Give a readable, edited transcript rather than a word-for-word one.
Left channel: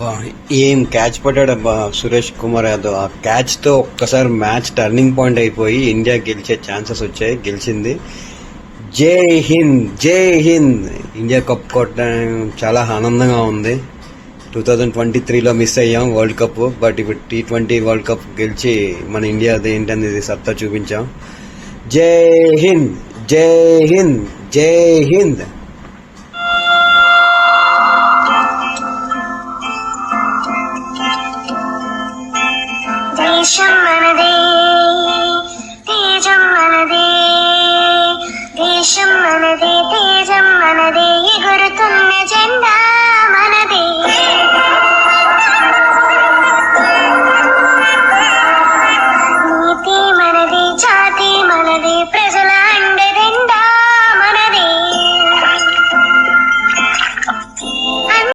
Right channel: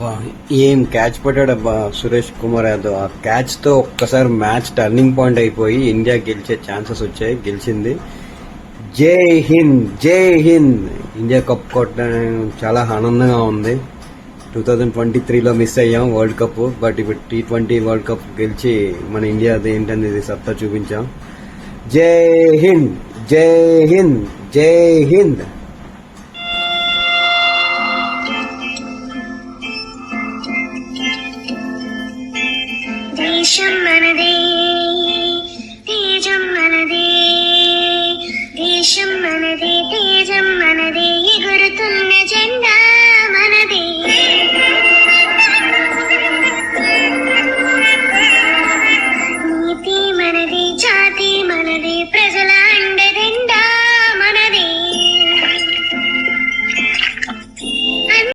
అబ్బా, ఏం క్యాచ్ పట్టాడబ్బా సురేష్ కుమార్ యాదవ్. ఆ క్యాచ్ తో ఒక్కసారి మ్యాచ్ టర్నింగ్ పాయింట్ అయిపోయి ఇండియా గెలిచే ఛాన్సెస్ వచ్చాయి. గెలిచింది. జై హింద్, జై హింద్. ఇండియా కప్ కొట్టడం చాలా ఆనందంగా ఉంది. 2023లో మిస్ అయ్యాం వరల్డ్ కప్. బట్ ఇప్పుడు T20 వరల్డ్ కప్ గెలిచి మన ఇండియాది ఏంటనేది సత్తా చూపించాం. జై హింద్, జై హింద్, జై హింద్.